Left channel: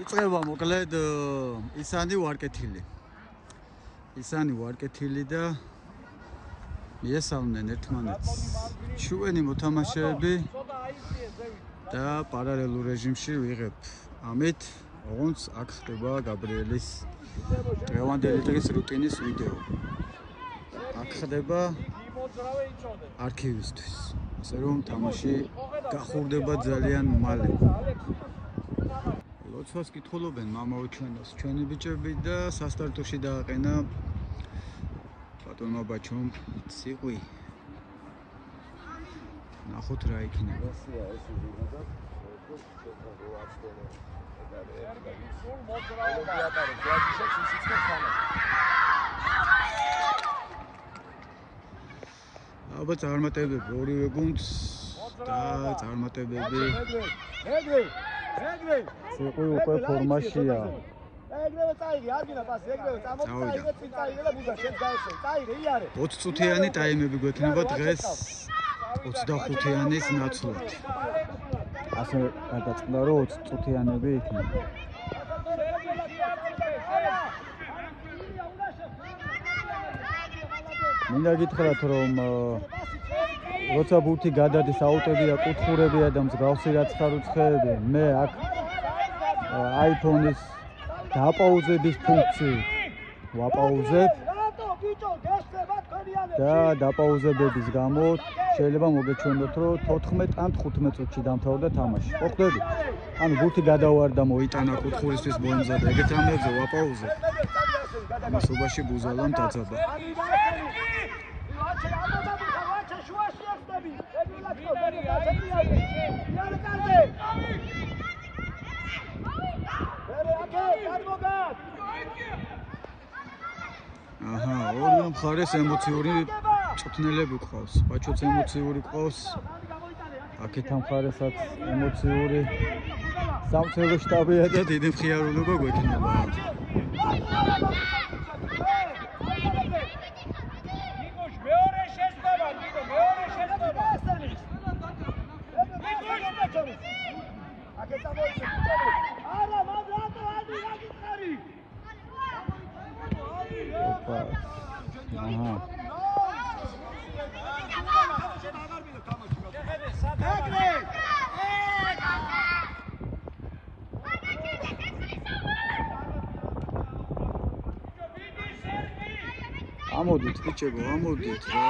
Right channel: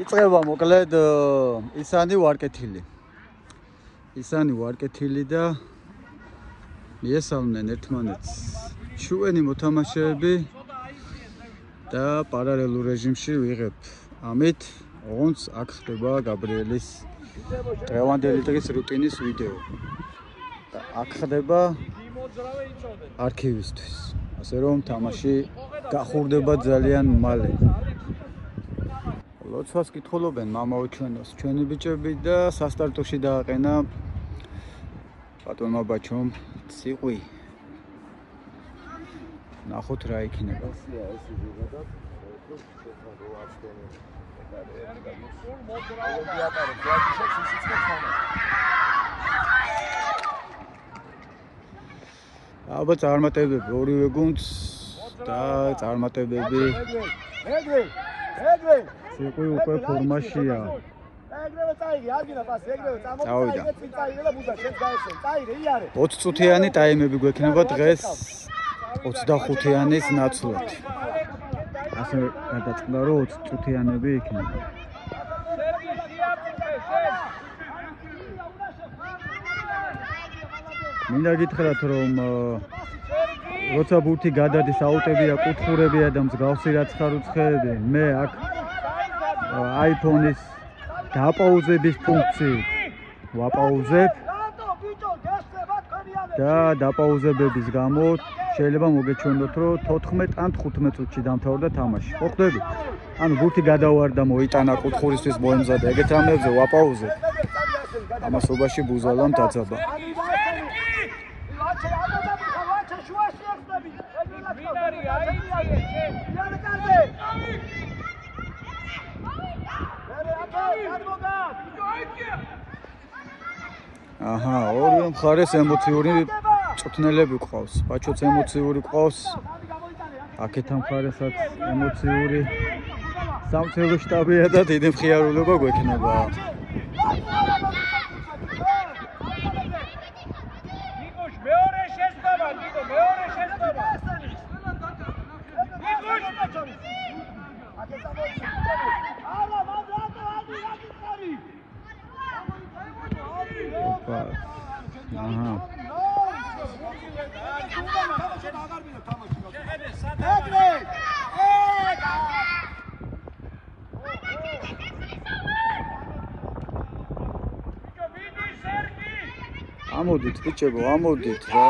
იწყება მოკლედ ისანი ვარკეთილი და მიესალმნენ ერთმანეთს ჩვენი მოთამაშეები და პარალელურ რეჟიმში ვიღებ ამით ოღონდ აქ ხდება გაბრიელის დღევანდელი დღის რუტინის ვიდეო და აქ ხდება არქივისთვის ასე რომ თამაში გახურდება ძალიან მალე ლოცვას კითხულობენ მამაო ჩვენოს ჩვენი ბიჭები და სასტარტოში დააყენა ბატონმა ბაჩომ ციყვი ნახოთ რა იქნება აბა წარმატებები ორივე გუნდს და წარმატებები ციყვი უკვე ფორმაშია წავიდა 20 წუთიანი ტაიმები გვექნება დღეს 25-იანის ნაცვლად ასე გადაწყდა რომ 20 წუთიანები იქნება მინდა გითხრათ რომ როცა ბურთი გადადის აუტებია კუთხურებია და მსგავსი რაცხა-რუცხეები მე აქ iPhone-ის დაპაუზების ფუნქციით ვაპაუზებ და დაპაუზებების გამო შეიძლება მოგეჩვენოთ რომ 14 ან 15 წუთში დამთავრდა თამაში. ხო ხდები? ანუ ბურთი გადავარდა მოიტანა კუთხურისთვის მოემზადა ეგეთ რამებზე ვაპაუზებ. ამასობაში ბუზალამ დაძაბა. აჰა, ორივე მხარეს ემოციური წუთნელები ყავს. ბაჩოც ემოციური ყავს. აქეთან მხარესაც ემოციური სამხედრო შტაბია და დიდი მხიარულობა გვექნება. ნიკოშ მეორე შეცდომა, ნიკო მეორე შეცდომა. ნიკოშ ბაჩონი. ამოდით ბიჭებო, ამოდით რა.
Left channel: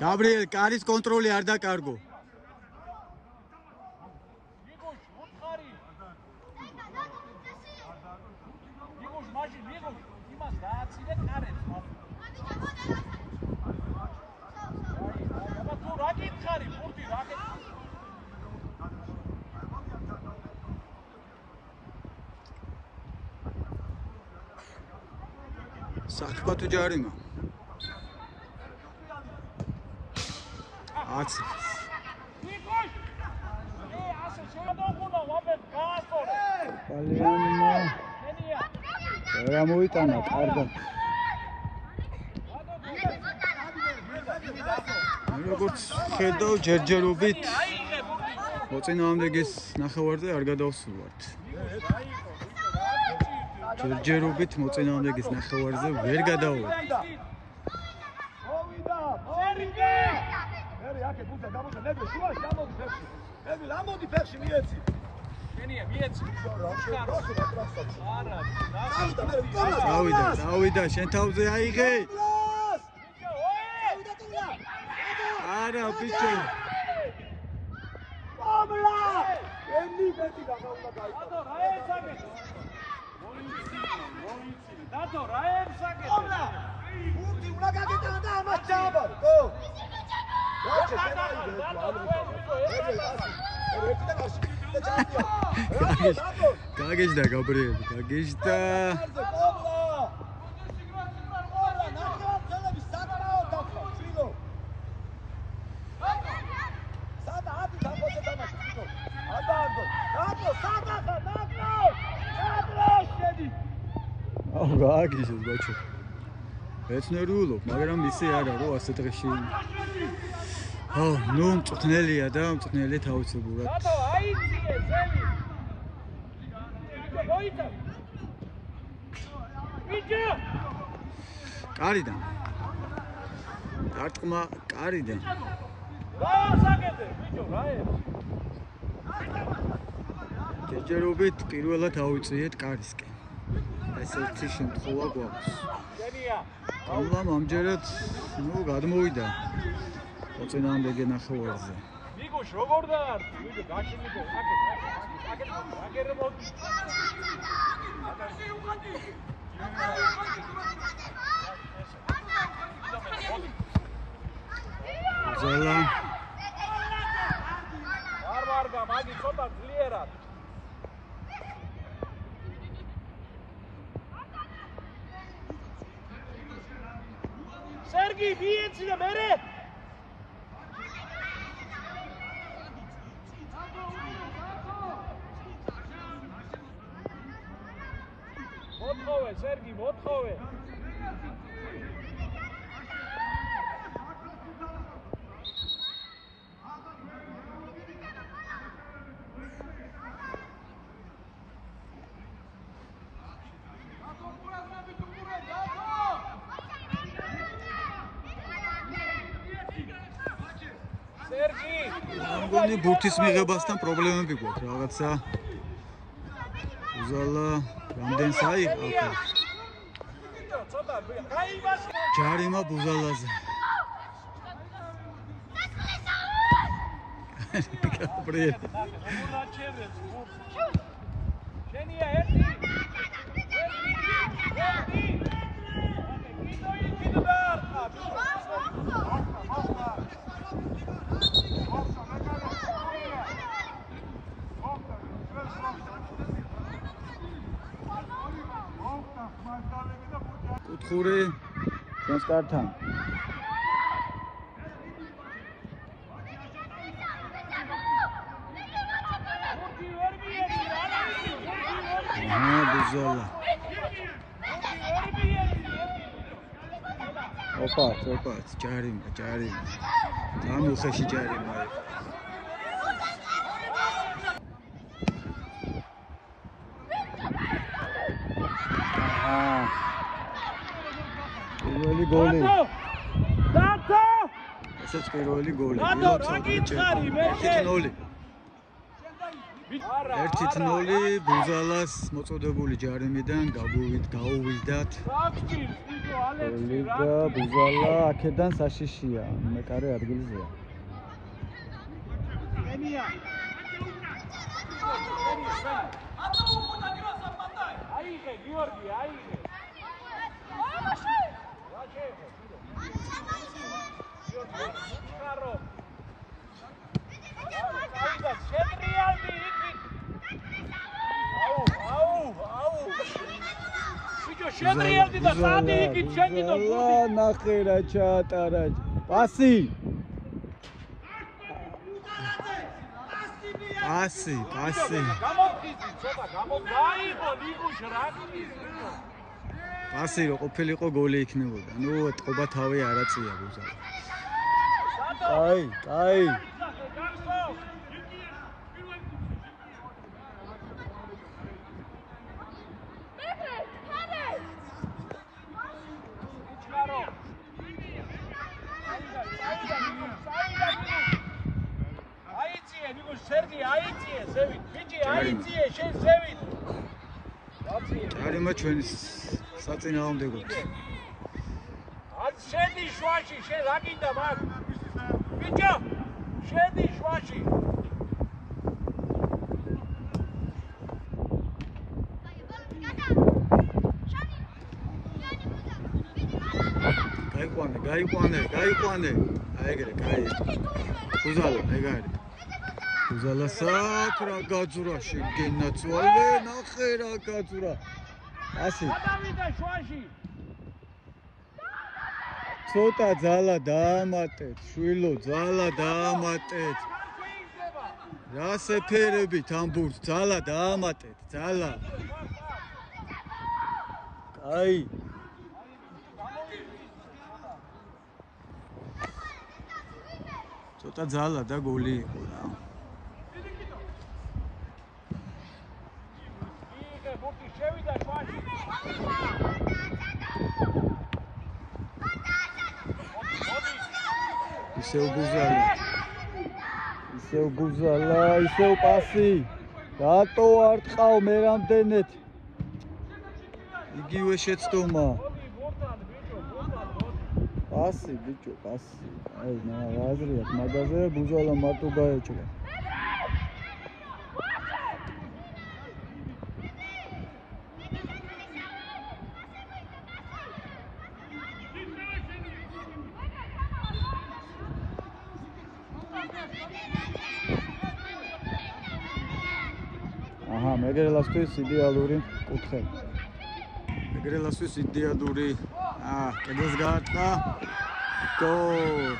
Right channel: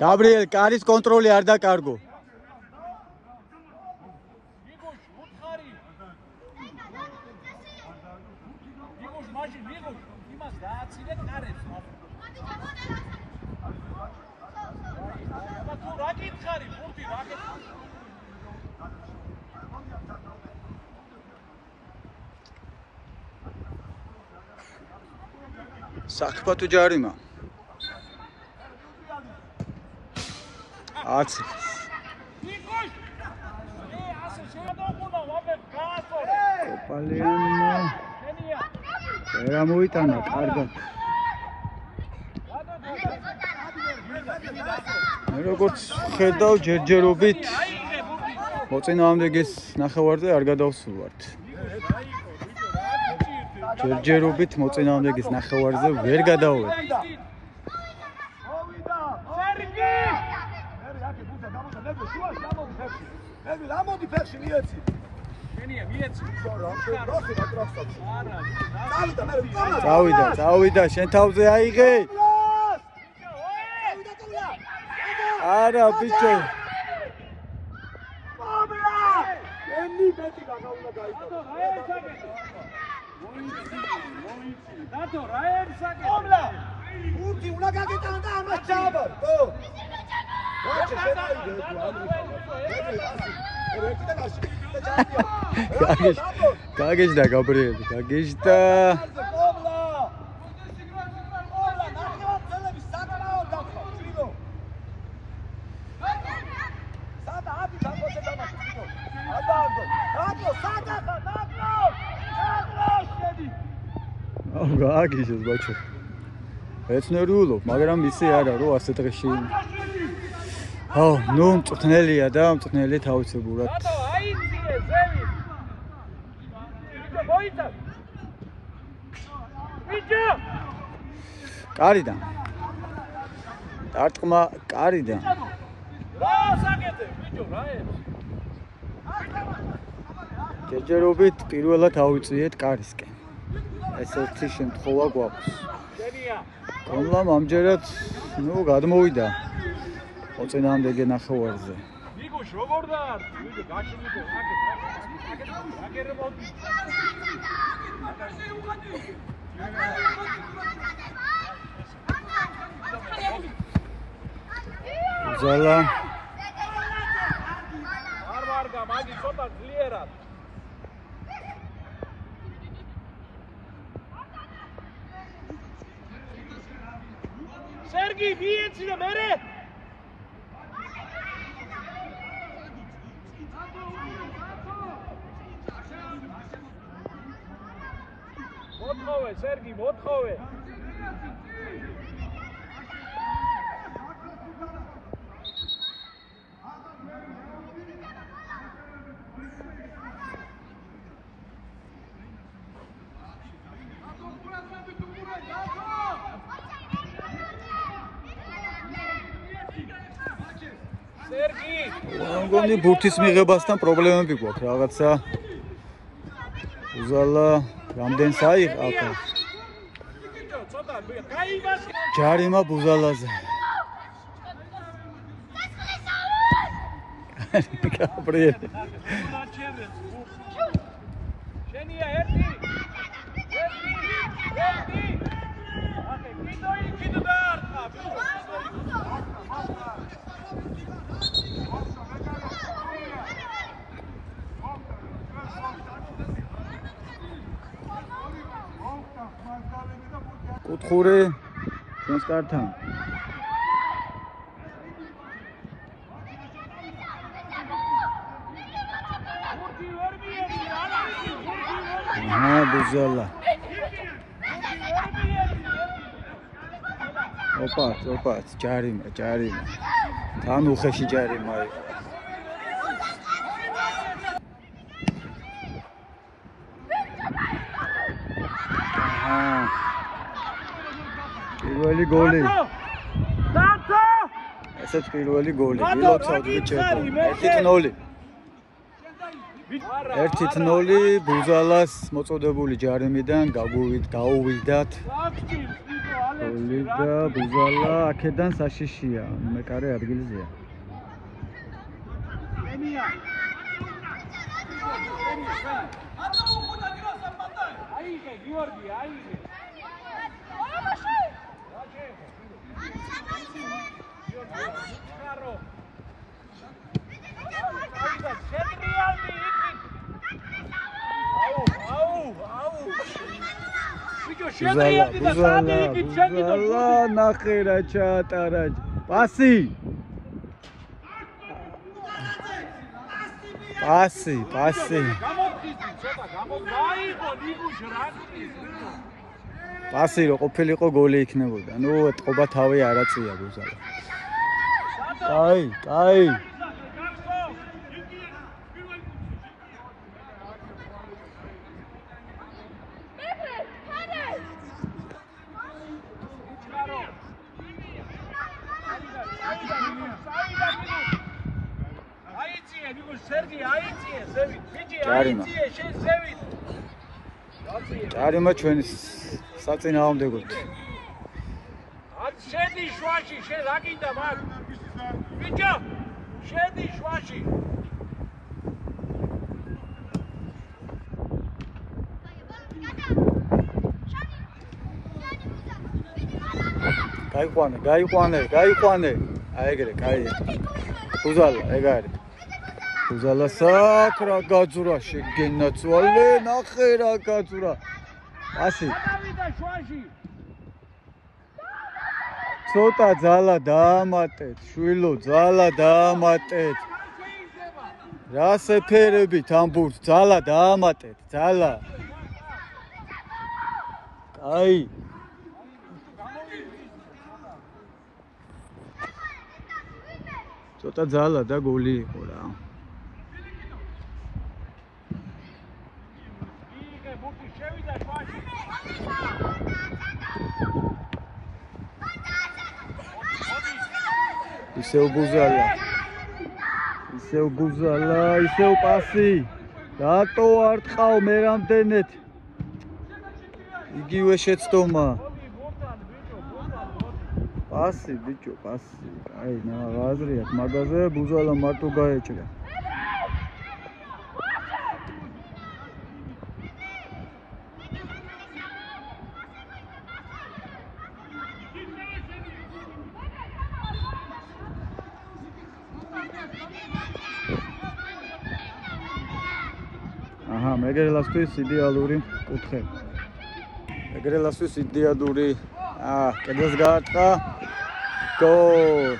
გაბრიელ, კარის კონტროლი არ დაკარგო. საქმე ჯარიმა. აცი. კოპალიანო. რა მოიტანა კარგად. მე როგორც ხედავ ჯერჯერობით მოწინააღმდეგეს ნახევარზე არ გადავსულვართ. ჯერჯერობით მოწინააღმდეგეს ნახევარზე ვერ გადავვედი. წავიდა, შენ თავზე აიღე. არა, ბიჭო. რატო რა ემსაკეთე? ომლა. ურთი უნდა გაგეტანა და ამას ჩააბარ. ბოლო. გაგეჟდა გაბრიელი, გაგეჟდა. გაგეჟეს ბაჩო. ეცნერულობ, მაგრამ ისე არა, რომ ასე დღეში. აუ, ნუ მწვრთნელია და მწვრთნელი თავისებურად. აიძიე, ზევი. მოიცა. ვიჯო. კარიდან. დარტყმა კარიდან. დაასაკეთე, ვიჯო, რა ე? ჯერჯერობით პირველად ავიწიეთ კარისკენ. ეს ერთი შემთხვევა გვაქვს. კომლამ ამჯერად, ნუ გადმოვიდა. ოწინამდე ნახევარზე. მიგუშ როგორ დაარ? ვიდე გაშინიდე, აკეთე მოდი. ზალა. არ მარგა, მაგი ცოტა ძლიერად. სერგი, მიეცია მერე. მოთხოვე, სერგი, მოთხოვე. სერგი, მგონი ბურთის მიღებასთან პრობლემები გვაქვს რაღაცა. უზალა რამდენს აიღა? ცოტა გაიმას. ჯარიმა ბუზალაზე. გაბრიელი. შენია ერთი. აკე კიდო დაარტყა. კუთხური ჩვენს კართან. ბუზალა. ოპა, ჯარიმა. თან უხეში ჯარიმა იყო. პირველი გოლი. ესეც პირველი გოლი. ვილოცავთ ბიჭებო. 1-0. 1-0 ბუზალას მოწოდებული ჯარიმიდან გაუვიდათ. ლიგა ბუზალა აქედან საშიშია, მეკარე ადგილზეა. აიღე, გიორგი, აიღე. ბუზალა ნახერა ჩაატარა. პასი. პასი რო ყოფილიყო გოლი იქნებოდა. ნუ ეთყობა თავი არაწია ბუზალა. კაი. სერგი აიწიე, ზევით, ბიჭი ჯარიმა. აიწიე, შენ ზევით. ჯარიმა ჩვენის საწინააღმდეგოდ. შედი შვაში, შენ რა გინდა მაგ? ბიჭო, შედი შვაში. გაიყვანე. აი ეგრე, კაი. ბუზალა, ეგ არის. ბუზალა საკ რა გაძურა შეგენაცვალე, ნახე რა გაძურა. ასი. გადავიდა შუაში. ცოტა ძალა დაამატეთ, შვილო, ძალა დაამატეთ. რა სეფერებით ამბურთ, ძალა დაამატეთ, ძალა. კაი. ცოტა ძალა და გოლი იყო რა. იქე ბურთი შევიდა შუაში. ისევ ბუზალა, ისევ პასი. რატო არ ტყავ მე რამდენეთ? იგივე შეცდომა. პასი, ბიჭო, პასი. აი, აზრი აქვს მაგაზე, ბუზალა მარტო გაეჭრა. აჰა, მეგრელასთვის იდეალური კუთხე. მეგრელასთვის იდეალური კედელს გაარტყა. გოლ.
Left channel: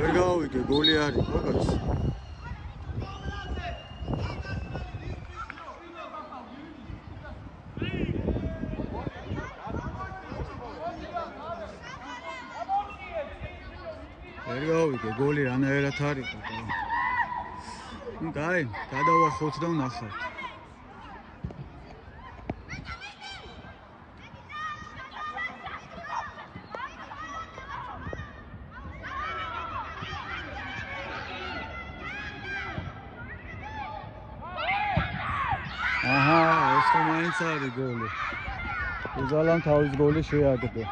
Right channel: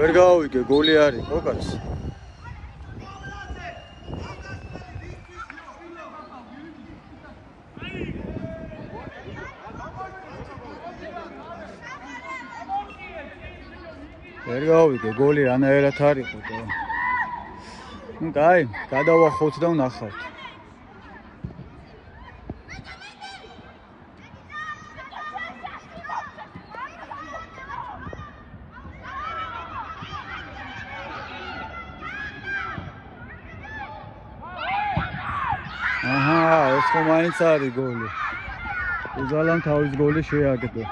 ვერ გავიგე, გოლი არის, ხო კაცო? ვერ გავიგე, გოლი რანაირად არისო და. ნუ კაი, გადავახოთ და ვნახავთ. აჰა, ეს ხომ მაინც არის გოლი. ბუზალამ თავის გოლი შეაგდო.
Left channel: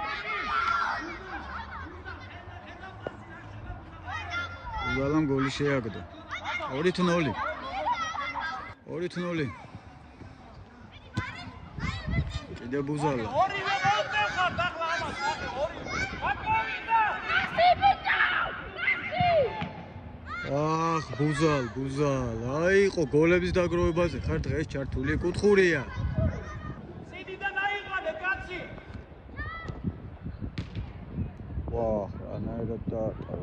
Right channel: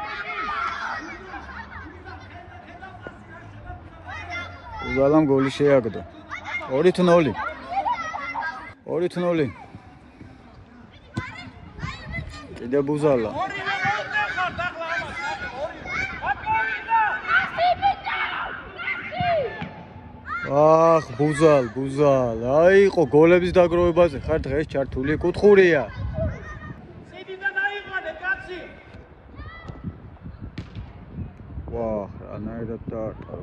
ბუზალამ გოლი შეაგდო. 2-0. 2-0. კიდე ბუზალა. აх, ბუზალ. აიყო გოლების დაგროვებაზე ხარ დღეს ჩართული, კუთხურია. სიდიდან აიყვანე, კაცი. ვაჰ, რანაირად დაარტყა.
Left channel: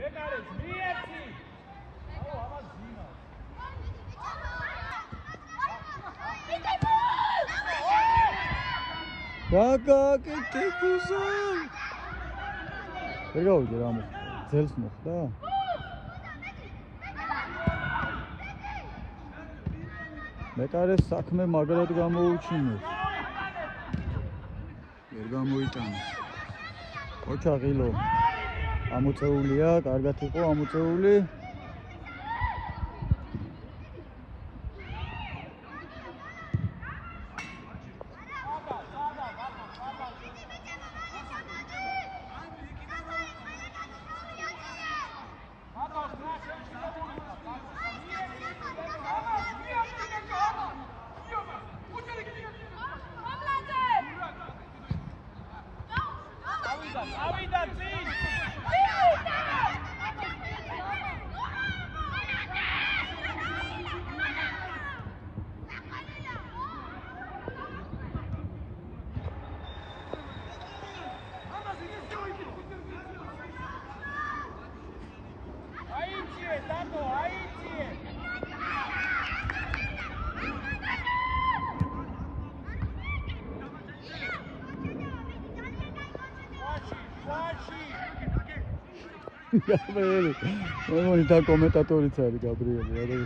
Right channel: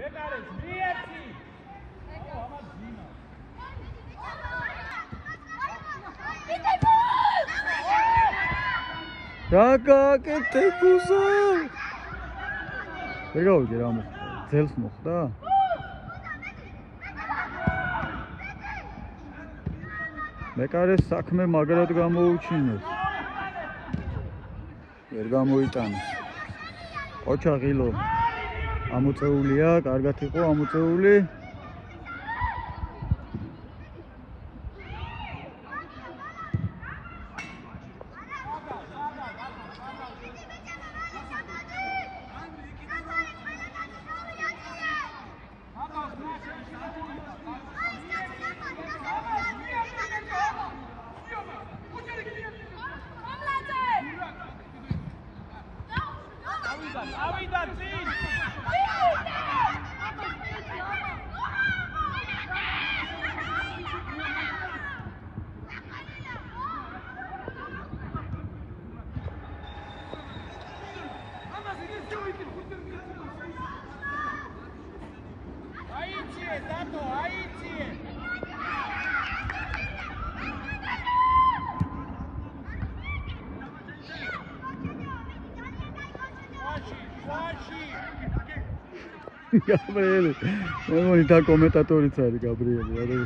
მეკარეს, მიერთი. აუ, ამას ძინა. რა გააკეთე ბუზალ? ვერ გავიგე რა მოხდა. ძელს მოხდა? მეკარეს საქმე მაგრად გამოუჩინეს. ვერ გამოიტანეს. ოჩაღილო ამოწეულია, კარგად იყო ამოწეული. ავიდა წინ. აიჩიე, დადო, აიჩიე. გაბრიელი. მომონი და კომენტატორიც არის გაბრიელი, არა?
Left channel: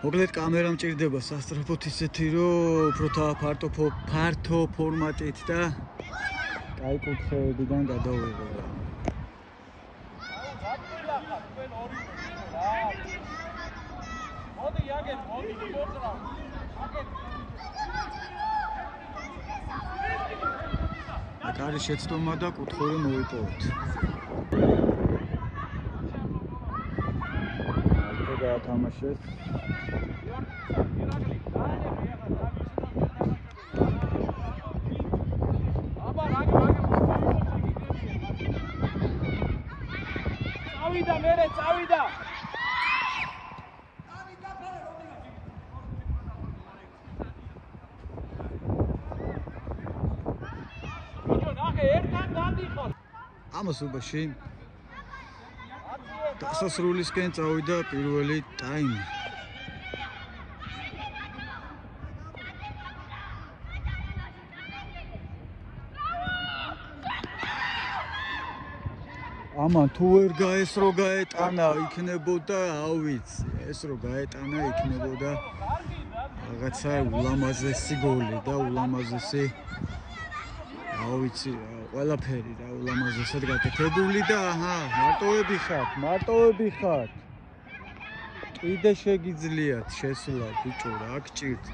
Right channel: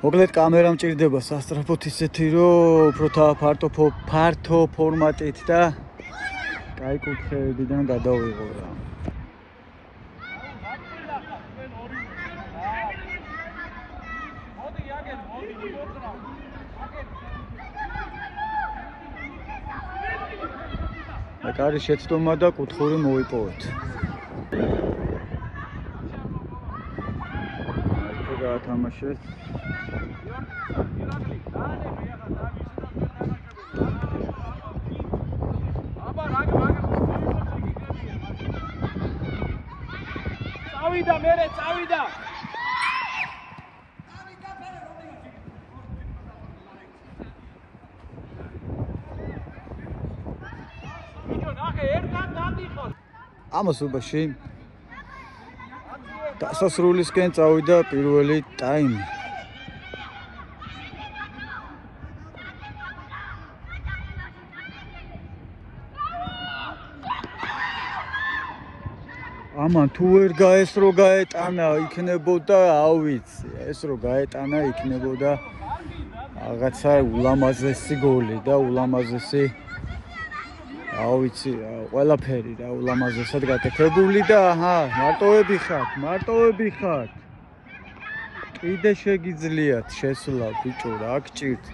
მოკლედ კამერა მჭირდება სასტრაფოთ ისეთი, რომ უფრო ფართო ფორმატით და კაი კუთხეებიდან გადავიღო რა. აკარი შეცდომა და კუთხური მოიპოვეთ. გაათამაშეთ. წავიდა მერე წავიდა ამასობაში დასასრულისკენ წავიდა პირველი ტაიმი. ამან თუ ვერ გაესრო გაეტანა იქნებოდა ავიცი ეს რო გაეტანა იქნებოდა რაღაცა ულამაზესი გოლი და ულამაზესი ავიცი ყველაფერი და ულამაზესად გაკეთებული და აჰა მარტოები ხართ კიდე შეგიძლიათ შესვლა ბიჭო რა გჭირთ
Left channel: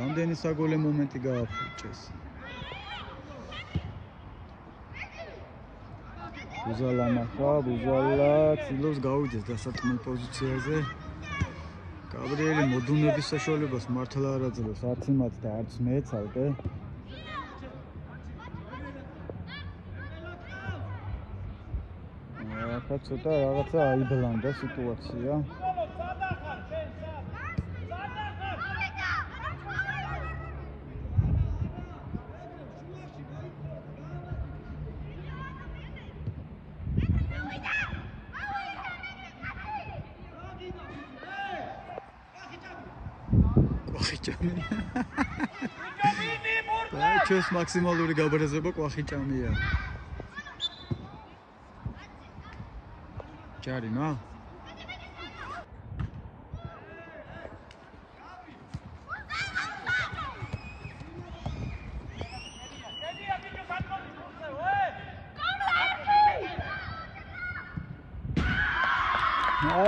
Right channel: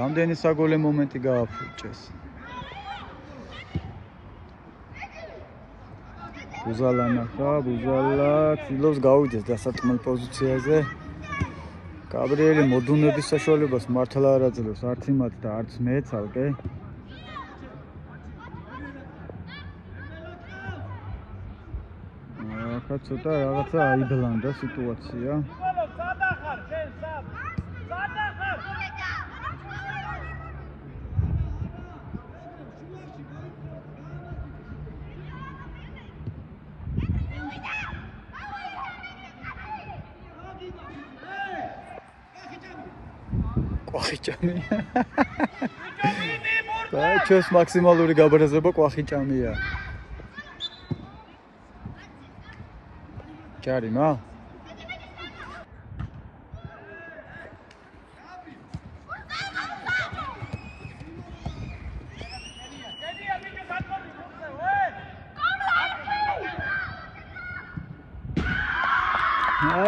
რამდენი საგოლე მომენტი გააფუჭეს ბუზალა ცდილობს გავიდეს დასარტყმელ პოზიციაზე გაბრიელი მოდუნების საშუალებას მართლა არ აძლევს არც იმათ და არც მე ცალკე ახლა ცოტა რაღაცა აიბლანდა სიტუაცია ყვახიჭამია და ჩვენს მაქსიმალური გაბრაზება ყვახიჭამია ჯარიმა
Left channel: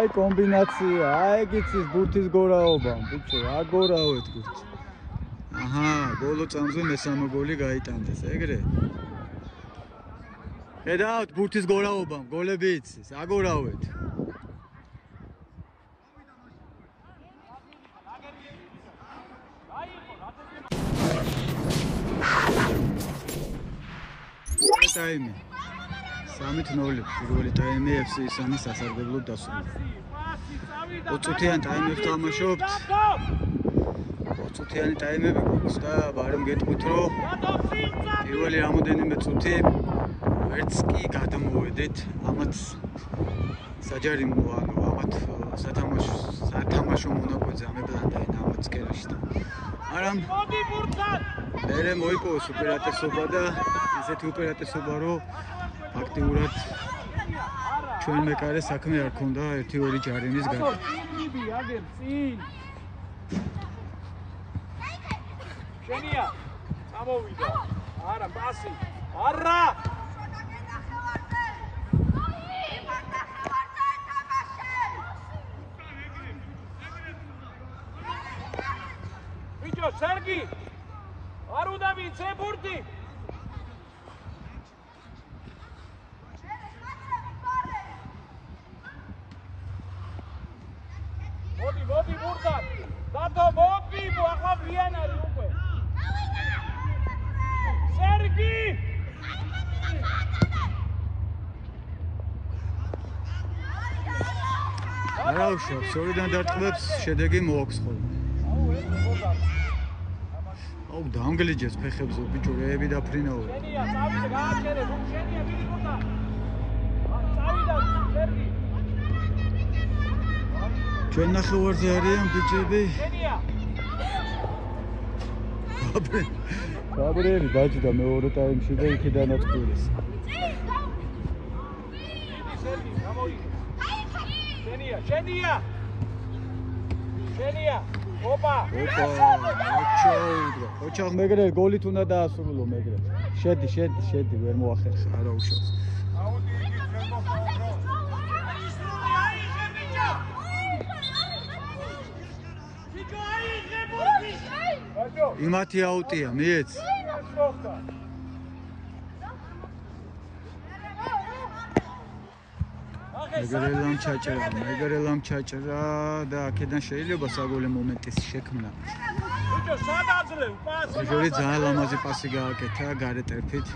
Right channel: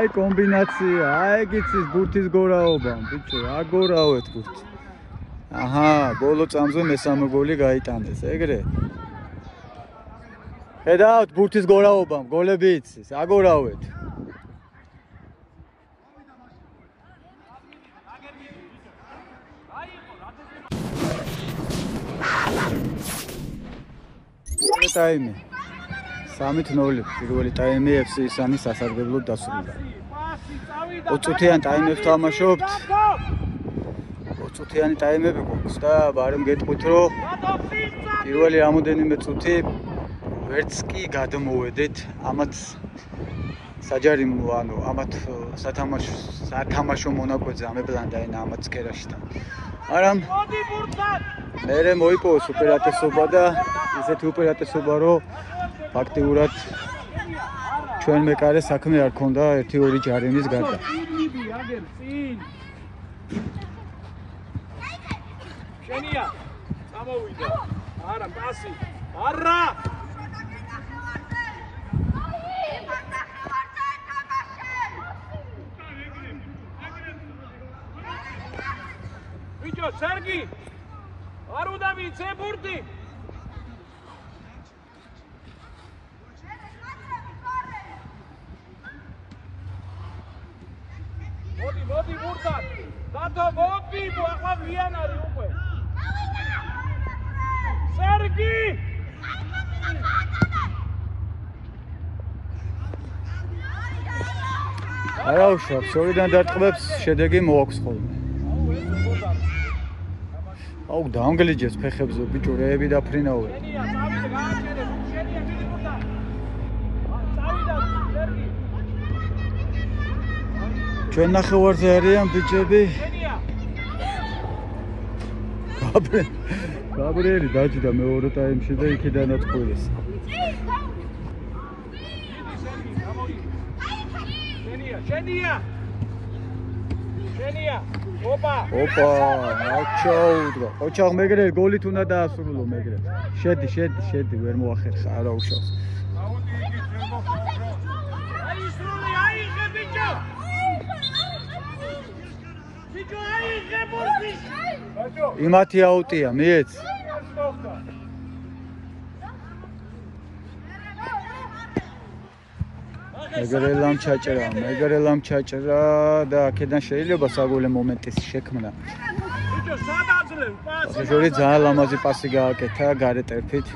აი კომბინაცია, აი გიცის ბურთის გორაობა, ბიჭო, აგორავეთ ბურთი. აჰა, ბოლო წამზე მესამე გოლი გაიტანეს, ეგრე. ხედავთ ბურთის გორაობა, გოლები იცის, აგორავეთ. ტაიმი 3-0 პირველი ტაიმი FC ისანის სასარგებლოდ დასრულდა. 20 წუთიან ტაიმებს თამაშობთ. 20 წუთიანი ტაიმები გვაქვს და ბარემ გეტყვით რომ პირველი რამოდენიმე წუთი ვერც კი გადმოვედით ამათ საჯარი ანუ ამათ სათამაშო მონაკვეთზე ამებლანდაინა ამათ სკერაში და მაგრამ მერე მოიპოვეს უპირატესობა და ისეთი უპირატესობა რომ ფაქტიურად ჩვენ მეკარე საქმე არ ქონდა 1-2 ჯარიმის გარდა. შენია წამოვიდა. არა, პასი. არა. ვიჯო, სერგი. არ უნდა ვიცე ბურთი. მოდი ბურთად. დათო მოდი, ახლა ვიან არის უკვე. სერგი! არა უშავს, ორიდან დარტყმებს შედეგი მოაქვს ხოლმე. აუ დაანგლიჯეს ფეხებზე ბიჭო რეები დაფრინავე. ჩვენ ნახევარზე არიან ბიჭები. გაბრიელი დაჭდა მეორე ტაიმში და იქიდანაც ყვილეს. შენია. ოპა, აჩაუდვა. ოჩაღ მეგრე გოლით უნდა დაასრულო მეგრე. შედი, ვერ მოახერხა, არა უშავს. იმათი აუტია, მიეც. მეგრელამ ჩაჭრა და აქედან შეიძლება საგოლე მომენტის შექმნა. ბიჭო, ძალიან ლამაზი პასი გააკეთა გარე ტერფით.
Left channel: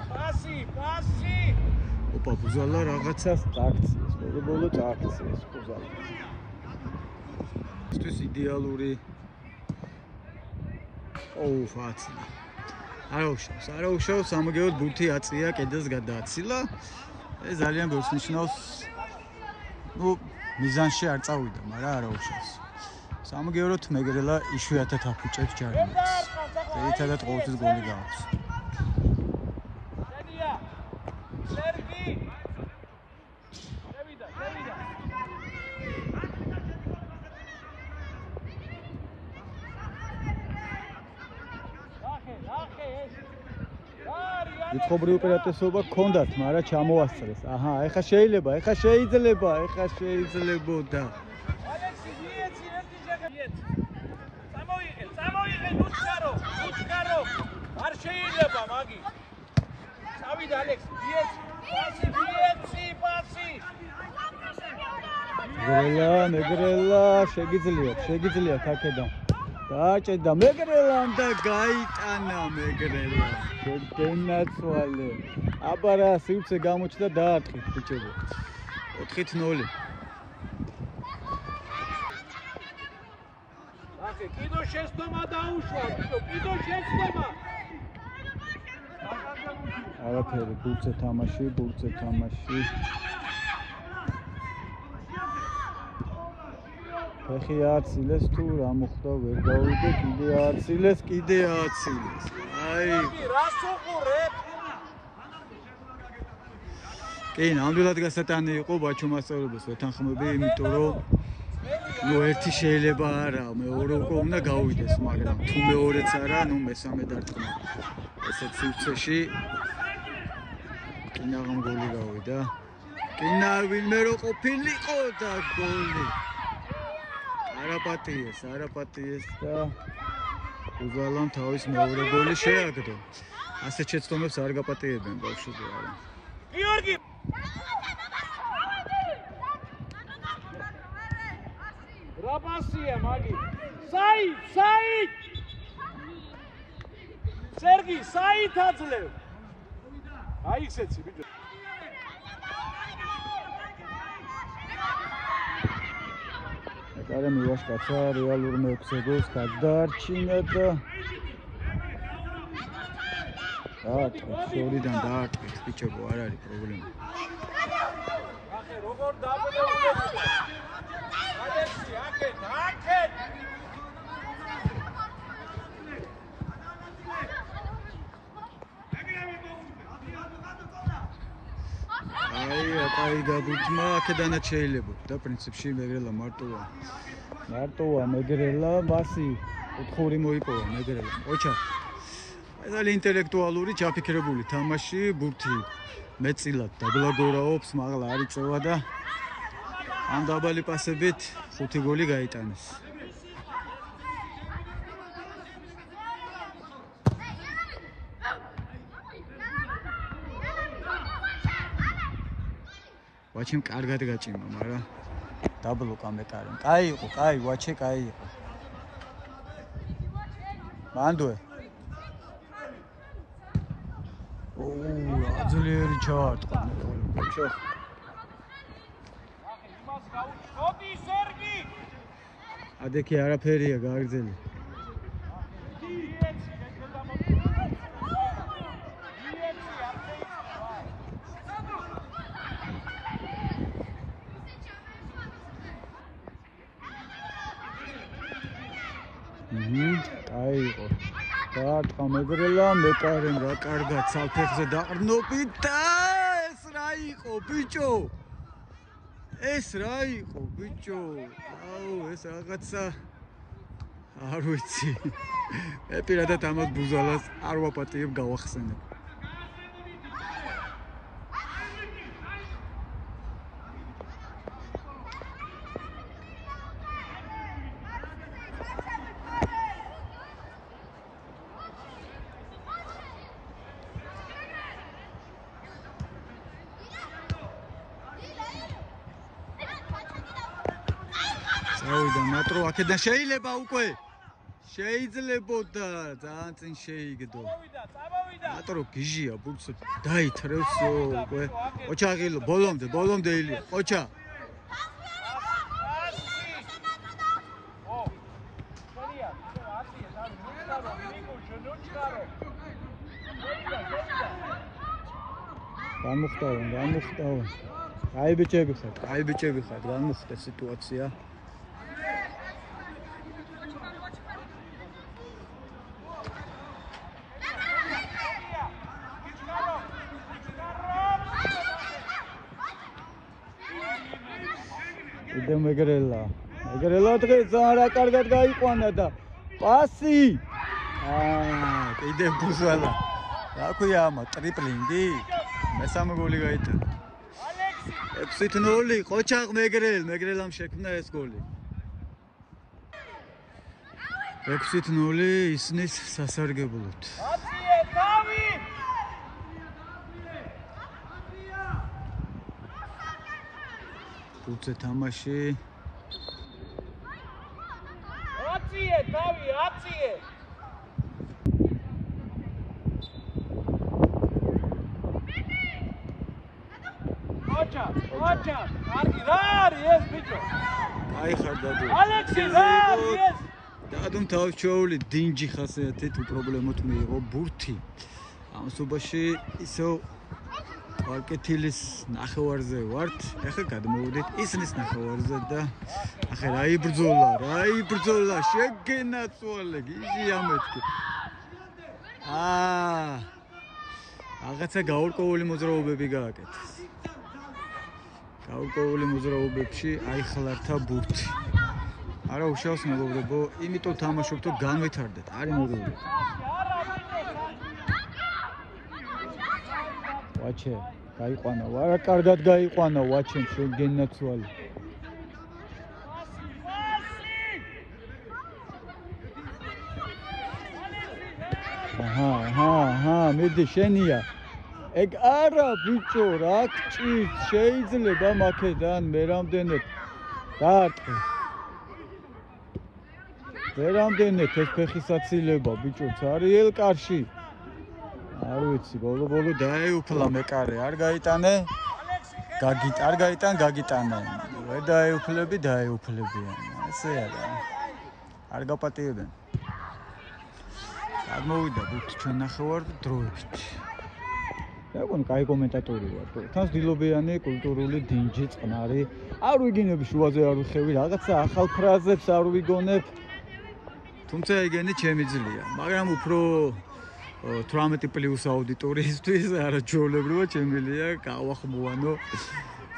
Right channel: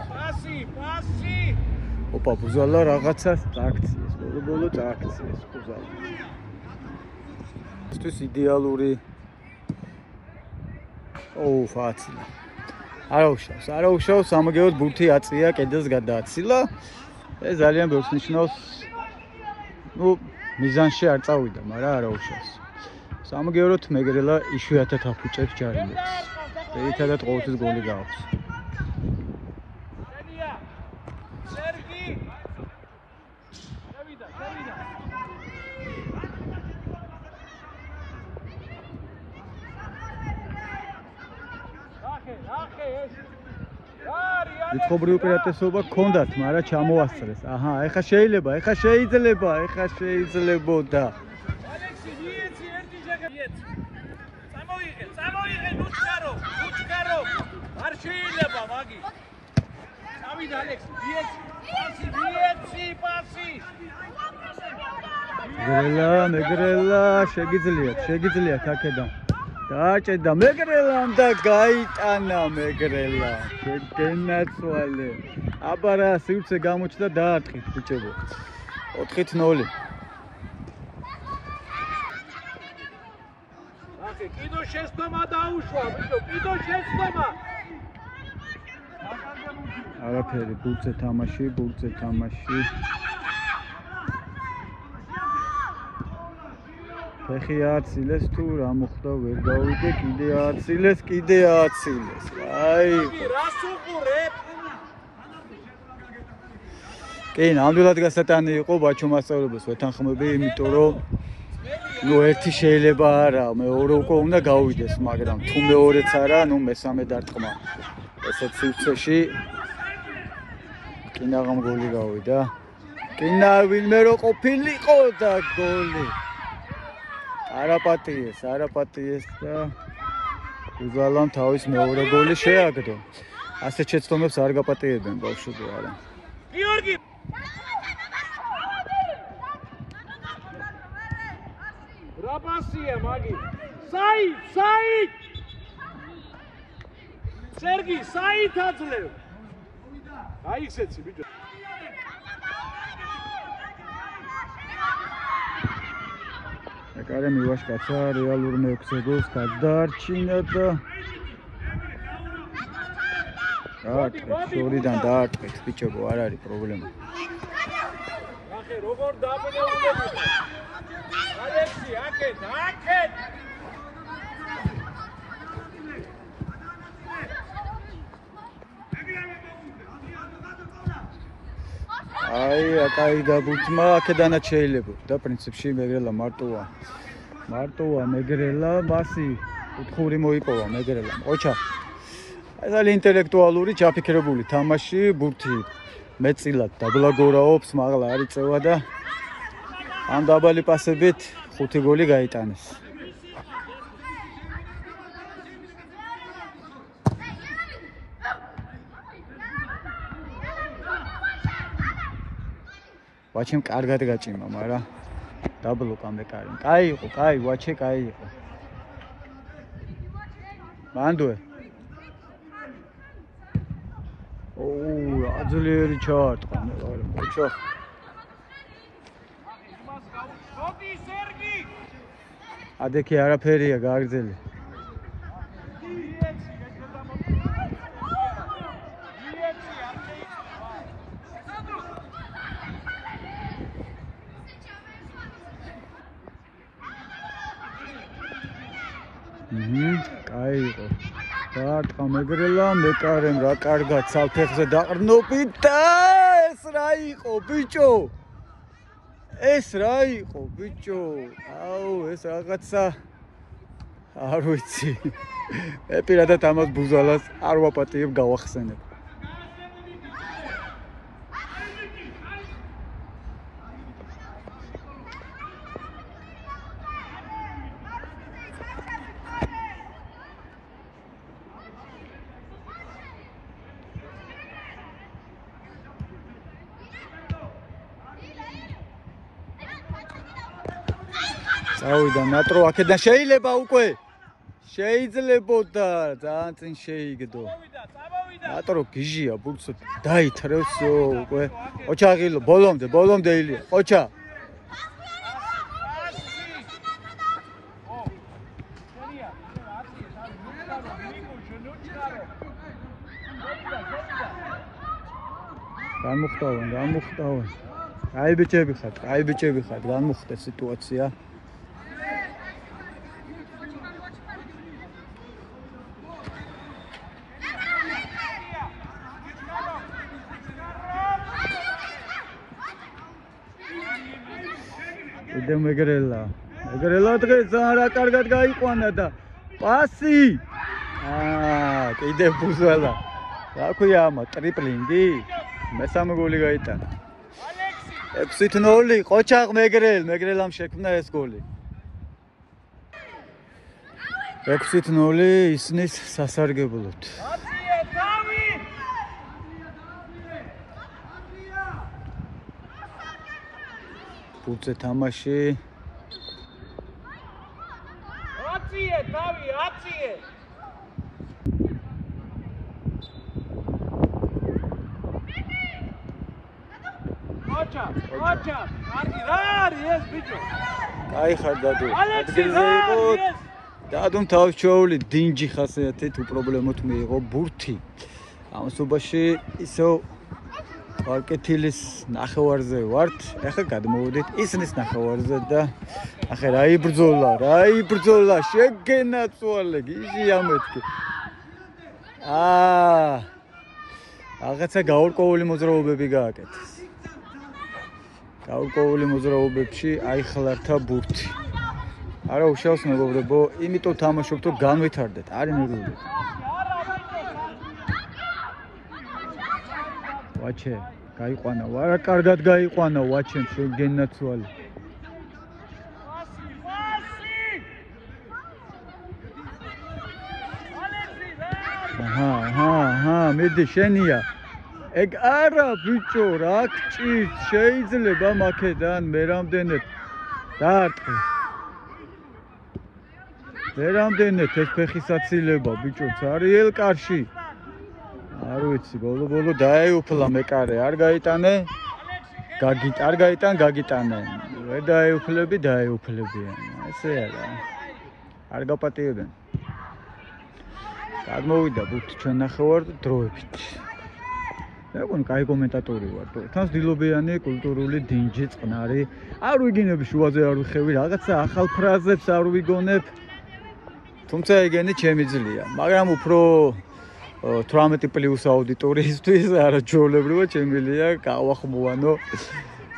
ოპა, ბუზალა რაღაცას წაქციეს, ბოლო წაქციეს ბუზალა. ისთვის იდეალური ფაცილა. არა უშავს, სამაგეროდ ბურთი აწია, კედელს გადააცილა. ეს ძალიან ბევრს ნიშნავს. მიზანში არ წავიდა, მაგრამ არა უშავს. სამაგეროდ მეგრელა იშვიათად აფუჭებს ჯარიმებს. ერთადად ყოველთვის გოლი გააქვს. მიცხოვრი უპირატესობა გქონდათ, მაგრამ ჩამოასწრეს. აჰა, ეხა შეიძლება. შეიძლებოდა. წამოიღე, ნუჩკარო. არ შეიძლება, მაგი. წავიდა ალექსი, პასი. მეგრელა, შეგიძლიათ აქედან. დააჭედა მეგრელამ და გაიტანა მეგრელა. გენაცვალე. აბარა სივრცე გამოჩნდა დაარტყით ბიჭებო. 4-0. კიდო შეცდომა დაუშვა, კიდო შეცდომა. არაფერი, ბურთზე თამაში. ფეხი აცილეს თუ რა მოხდა ვერ გავიგე, კიდე აცილეს. აი. რას უყურებ? კი, ნამდვილად გასატანი იყო ბაჩო მასწავლებლებს ვეთანხმები, იმიტომ რომ ერთი შეიძლება არა, მეორე უკვე უნდა გავიდეს, მაგრამ თუ მეორეც არა, მესამე დარტყმა. ესეც სივრცეში კინაღამ გოლი გავიდა. კინა ვინმე რო ყოფილიყო და გოლი. არაპატიეს და უზალამ თავის მეორე გოლი შეაგდო. ასეთ შეცდომებს არ გაპატიებენ ბავშვები არა. გიორგი რაბასია მაგი. საით! სერგი, საით აძლევ. აი ისეცი ბიჭო. კარე მივაშკაცა რეალურ მეექვსეგოს გადაარჩინა და შორიდან დაარტყით ბიჭებო, არ არის პრობლემა. ახე როგორ დაბნეულები. ალექსი, აქეთ. კაი გაბურთმა აქედანაც შეიძლება და პრინციპში მეგრელა მარტოა მეგრელა მასი უთხური მოიპოვა მეგრელამ. ოჩა ძალიან ინტელექტუალური ჩაფიქრებული თამაში, ბურთი მეწილად დაბლაგორაობს, მაღლა არ იწევა და ამ დაბალი პასებით 5 გოლი გაიტანეს. ვაჩემ კარგად გაჭიმა, მაგრამ დაბლოკა მეკარი. კაი, ვაჩე კაი იყო. მანდუე. აძლიერი ჩაარტყა მეკარი, ბიჭო. მოდი სერგი. ადექი არაფერია გააგრძელი. კაი იყო. დაარტყა მეგრელა, მეკარემ რა კარგად საფეხზე დაყრნობით და ეს რა იყო ბიჭო? აუ, ეს რაღაცა არ ვიცი. მე პირადად ამას ბუზალას არ ვაპატიებ, გავახსენებ. წავიდა ნატრო აქედან შეიძლება უკვე შეიძლებოდა ძალიან წინ შეიგდო ნატრო გიჟია ბურცო დაითრევს უკვე ყოჩა ღილო ბოლომდე ილია ყოჩა გამოხტავენ აი ბიჭები ხართ გამოხტე სიტუაცია იდე მეგრელა დღეს არა კარგად გაიყვანა და პასი კიდე ბუზალა რა ქვია ამა ტრიპლინგი მესამე გოლი გაიტანა 6-0 ყოჩაღ მეგრელამ შექმნა ეს გოლი 6-0 ისნის სასარგებლოდ ბურთზე თამაში აციე თავი აციე ოჩა რა არის ეს ბიჭო კაი ხარ დადო ადგილზე იყო დადომ თავის ჩაული დინჯი ხასიათით უპრობლემოდ მიიღო ბურთი ამ სუბაში ისო ვარკეთილის ნახევარზე ვართ ახლა გადმოვიდეთ ისნის ნახევარზე და ახლა რა იბრძოლა შეგენაწვალე გიჟია მეთქი რაღაცა გაურკვეველი მოძრაობები გააკეთეს გაურკვეველი მოძრაობებში აიხლართა ბურთი არა უშავს მეგობრებო იმიტომ თამაშობთ რომ განვითარდეთ არის მეგობრებო ვაჩე გაიყვანა არა კარგად გაიყვანა ვაჩემ შეგენაცვალე აჰა მედი შენია ეგ არა ბიჭო რა გჭირთ შეიძლება მაქედან მე რამდენად დაარტყი მე რამდენად ეს ფეხისაცილება ბიჭო ცარიელ კარში არ ვიცი ბოლო დაეუფლა მეკარე არ გაიტანე გაგიტანე ვერ დაეუფლებიან ესე არა არ გაპატიებენ გადმოვიდა ბურთი ჩვენ ნახევარ დროებით ეგონ კაი კომენტატორი ვარ თან ძილობიანი კულტურული დინჯი წყნარი არ ვიგინებ შუაზე არ ვიხევი რაღაცა ახალ ფრაზებს არ ვიგონებ თუმცა ეგენი ჩემი ძლია მაგრამ უფრო 18+ აუდიტორიისთვის არა ჯოლებრივად შემიძლია გავახმოვანო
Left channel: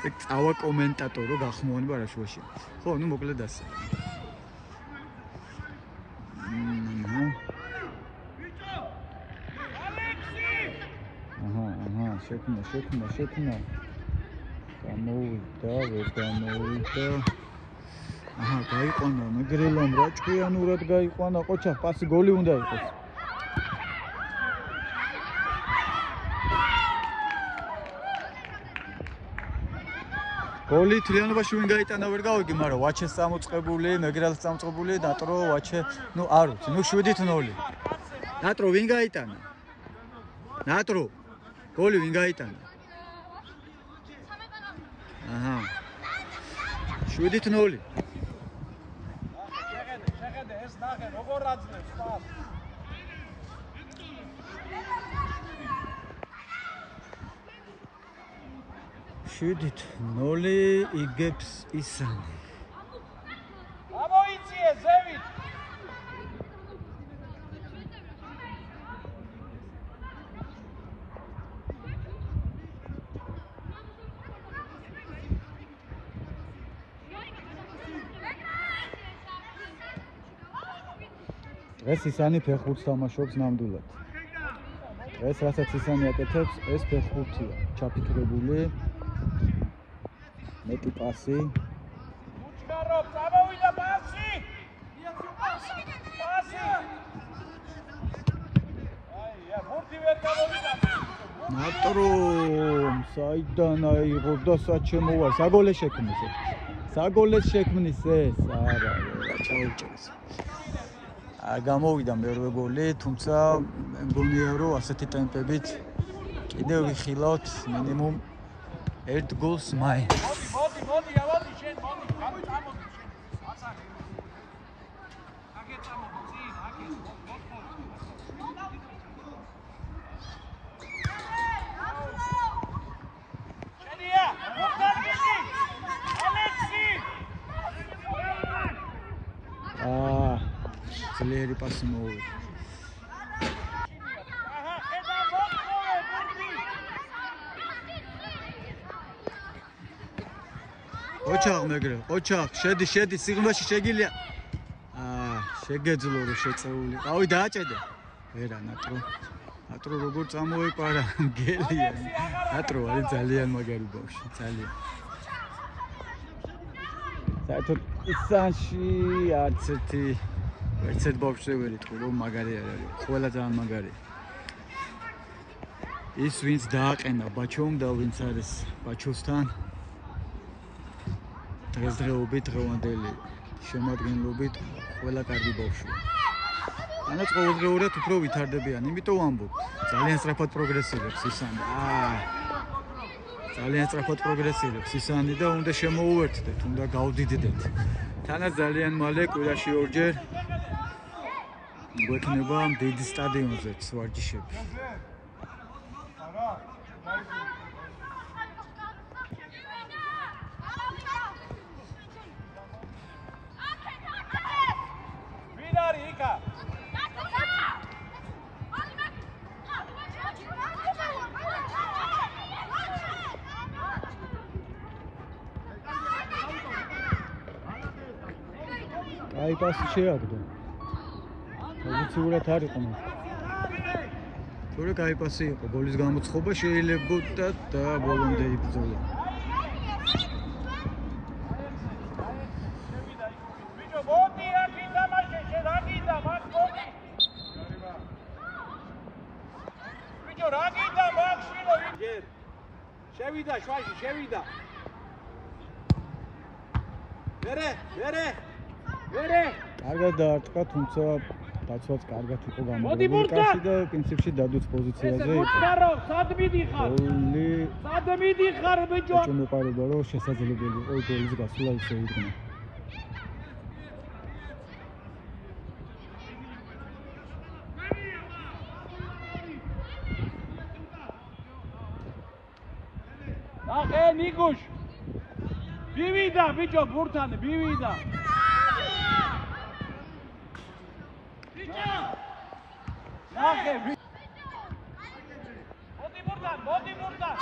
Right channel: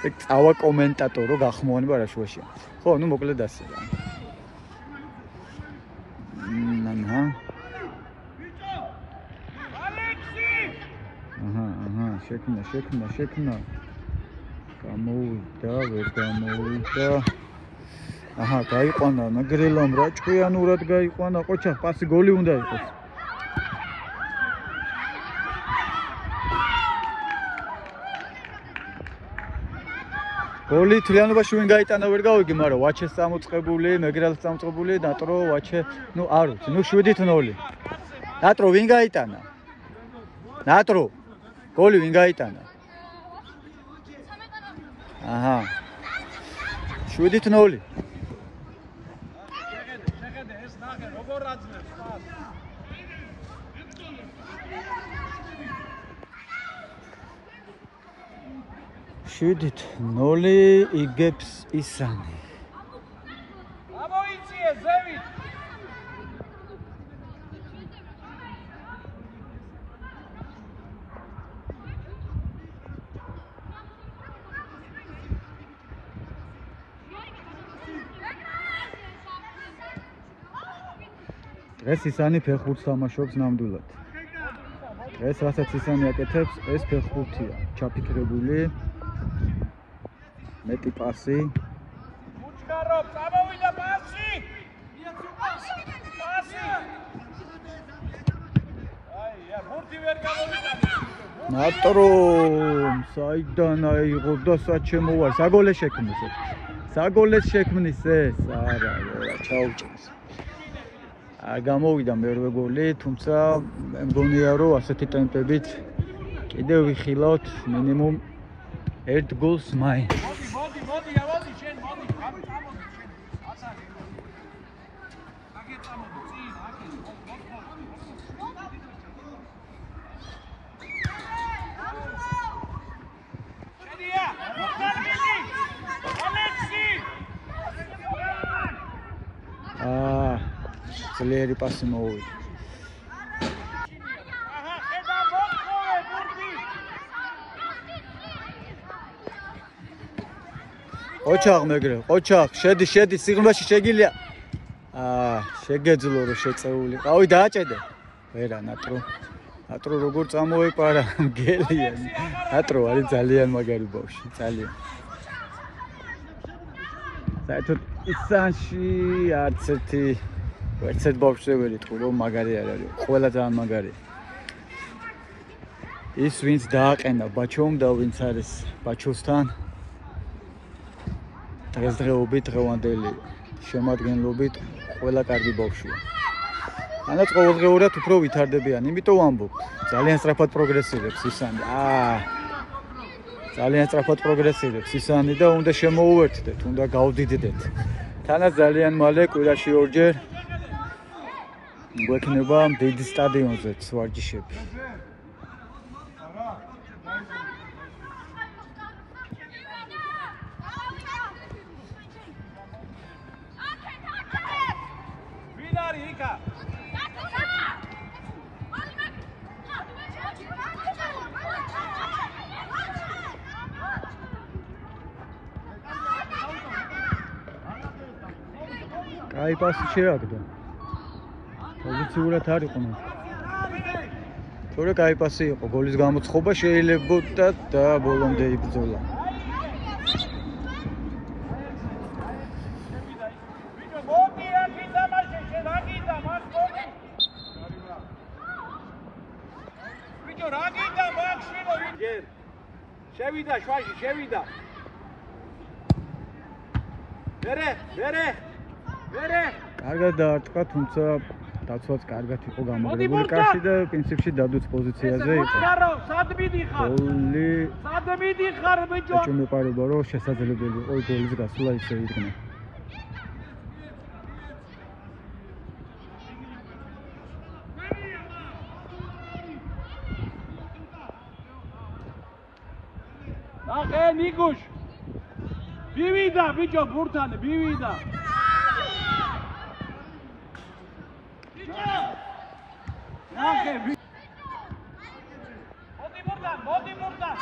ეგ წავა კომენტატორო გახმოვანება რა შუაში ხო ნუ მოკლედ ასე რა შექმნა გამოვიდა აჰა გაიყვანა მეგრელამ რა ჭკვიანურად გაიყვანა ყოჩა პასი გოლი უნდა იყოს გოლი თლიანობაში ვინ გაიტანა ვერ გავიგე მაგრამ ვაჩეს წამოწყებული მეგრელს წამოწყებული ნატრო ვაჩე ნუ არ ვიცი ნუ 7-0 ნატრო ვინ გაიტანა ნატრო გოლი ვინ გაიტანა აჰა 7-0 ეს ნახე როგორ აძლევს შვიდით 0 იგებს ისანი ამოიწიე ზევით დღეს ისანი ფეხბურთს თამაშობს ნამდვილად დღეს რასაც ისანი აკეთებს ეს ფეხბურთია ჩაფიქრებული მეტი პასი უჩქარო წამოვიდა პასი აი ბურთი ვერ გამოვიდა ნატრო საიდან აიღო და საჩემო ვარ საგოლე შექმნეს საგოლეს შექმნის ეს არა ჩაუჭერს არ გამოვიდა მერვე გოლი თუმცა მე მგონია რომ ასეთი ტემპებით კიდევ ვიხილავთ მინიმუმ 1 გოლს მაინც მოდი შენ მოდი წამოდი შენ აცარი აკე წამოდი წინ აკე შენია ძლიერი პასი მოვიდა ოჩაღ მეგრე ოჩაღ შედი სიღრმეში შეგილია შეგეძლო რომ შეწეული ყავი დააჭედე ვერა ნატრო როგორ წამოეპარა მგელია ნატრო არის ძალიან მაგარი ბავშვი ძალიან საერთოდ ისანში არც ერთ ბავშვზე ვერ იტყვი რომ მაგარი არ არის ყველა ძალიან მაგარია ის ვინც დააყენა ბაჩომ და ვინც არის ბაჩოსთან დღესდღეობით დღევანდელი შემადგენლობით ყველა კარგი ბავშვია. ანაც ყოველდღიურად უფრო ვითარდებიან, იმიტომ ვამბობ, ძალიან სწრაფად პროგრესირებს ისანი. ძალიან სწრაფად პროგრესირებს ისანი და უნდა შემოუერთდეთ, უნდა გავდიდდეთ. თანაც ძალიან მალე კვირაში ორჯერ გვექნება დიდი სტადიონზეც ვარჯიშები. აი პასი შეაგდო. პოზიციურად არ იყო. თორე კაი პასი იყო, გოლის გამოცხობა შეიძლებოდა და ბოლომდე იბრძოლა. ვიდეო მოდი აქ ითამაშე, შენ რა გინდა, მაგ მოდი. ვიდეო რა გინდა, მაგ შვილო. შევიდა შვაში, შევიდა. ვერე კარგად დაარტყა, თუმცა დაცვაც კარგად იყო გამაგრებული კაცი და პრინციპში დადუც პოზიციაზე იყო. სად მიდიხარ? გოლი სად მიდიხარ ბიჭო? ეჭვმოყარება რომ შესაძლებელი იყო გოლის გასვლა ისე იდგნა. ნახე ნიგუშ. ბივიდა ბიჭო ბურთანი ბივიდა. ნახე მოდი ბურთან.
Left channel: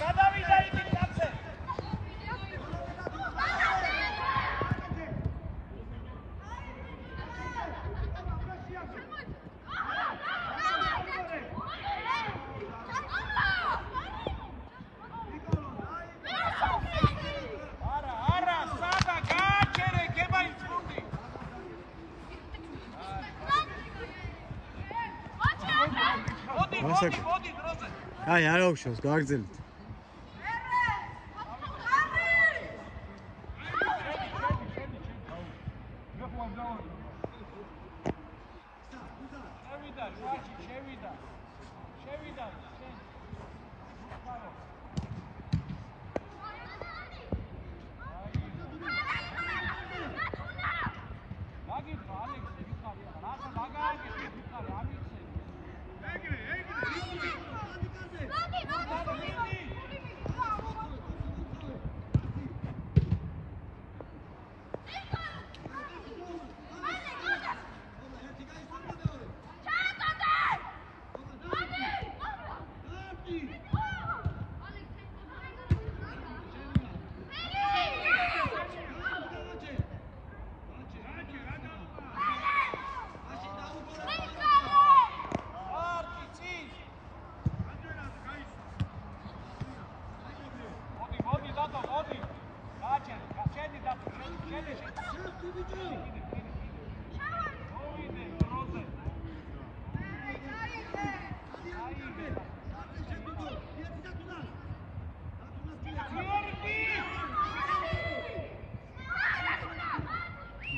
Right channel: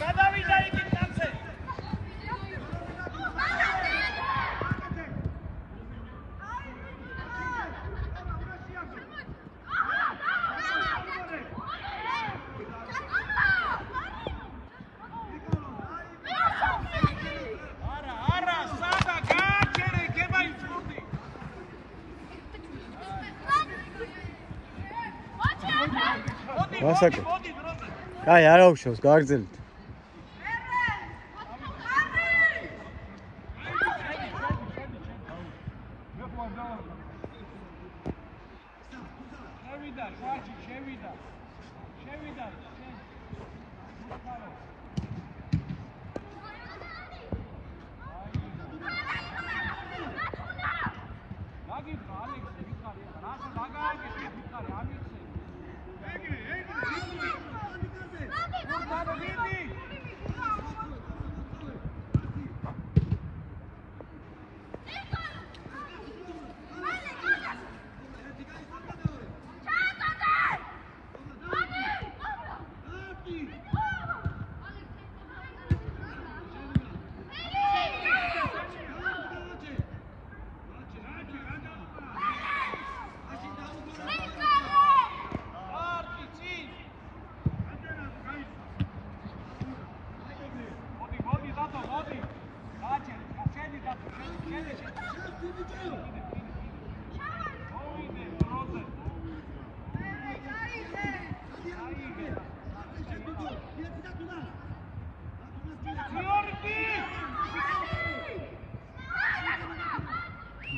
გადავიდა იქით კაცე. გასაკეთე. კაი, არ აუშავს, გააგრძელეთ.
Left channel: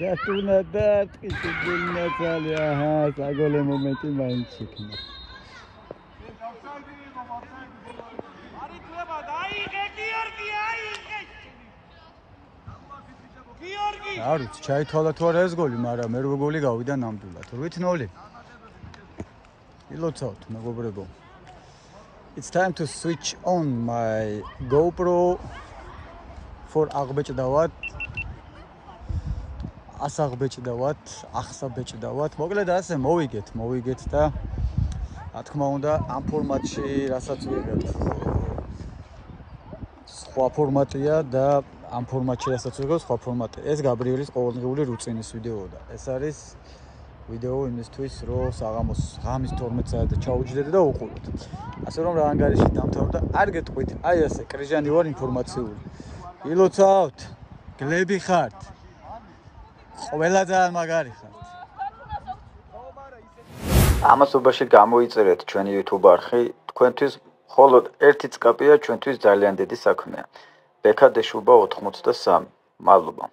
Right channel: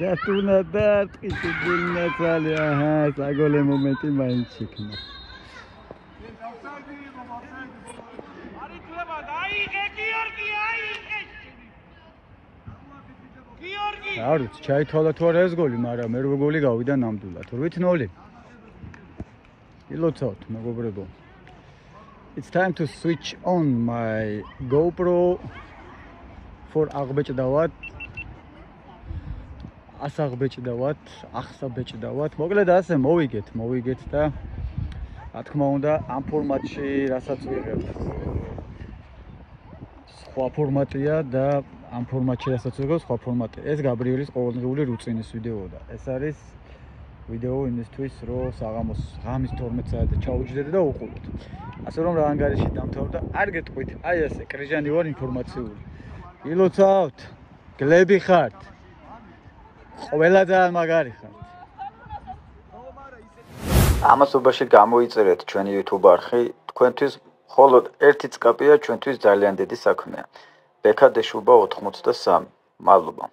გასტუნა და ტყიჩუგუნა წალი აჰა საგოლე მომენტი მაინც იქნა არ ვიცი ჩაითვალა თუ არა ეს გოლი მაგრამ მერვე გოლი გავიდა ნამდვილად 8-0 ილოცავთ მეგობრებო It's time to switch on my GoPro for აღბეჭდავად ასაღბეჭდავად ახსაბეჭდავად მოკლედ ასე მოვიგეთ და რა თქმა უნდა ამ ფორმატში რასაც ვიღებთ სხვა ფორმატია და ამ ფორმატში რასაც ვიღებთ სხვა ფორმატია ეს გაბრიელის ყოველდღიური რუტინის ვიდეოა და ეს არის ვიდეო იმისთვის რომ საღამოს ღამის 12 საათზე ჩაუჯდეთ და უყუროთ ასე რომ რა ანგარიში დამთავრდა არ გეტყვით აი ესე კრიჟანი ვარ ინფორმაციული ილოცავთ გლები ხართ ყველა ძალიან მაგარი ხართ ამასობაში გამოიწერეთ ჩვენი YouTube არხი თქვენთვის მხოლოდ ერთი წკაპია ჩვენთვის ძალიან დიდი საქმეა ბექა დეშუბა 83 მადლობა